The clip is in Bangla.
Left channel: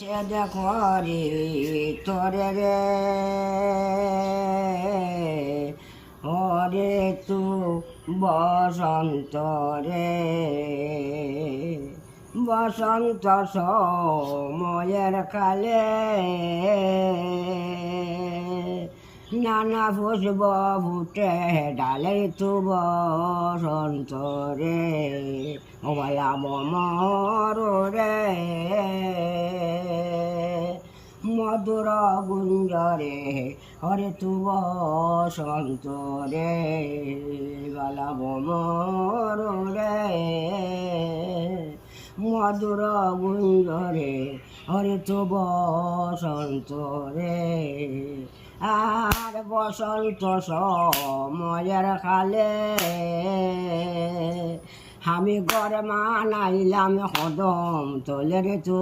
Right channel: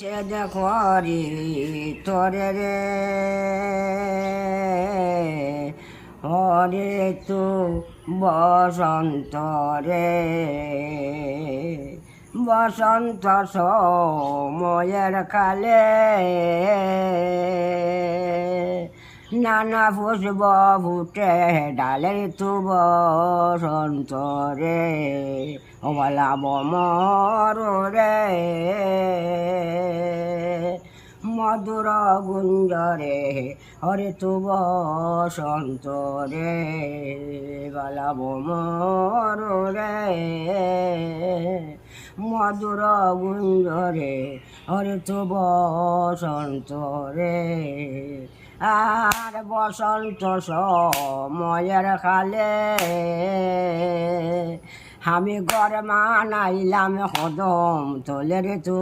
সে দেখো রে তোরে রে হরে তু বসন্ত রে বসন্ত সময়ের কালে নানা পুষ্প ফুটে ডালে তু বসন্ত রে ওলা বমর রে মধুর গুঞ্জরে হরে তু বসন্ত রে বালা বমর রে মধুর গুঞ্জরে হরে তু বসন্ত রে আর বসন্ত সময়ের কালে আমি ঘর মানাইলাম কদম তোলে রে তু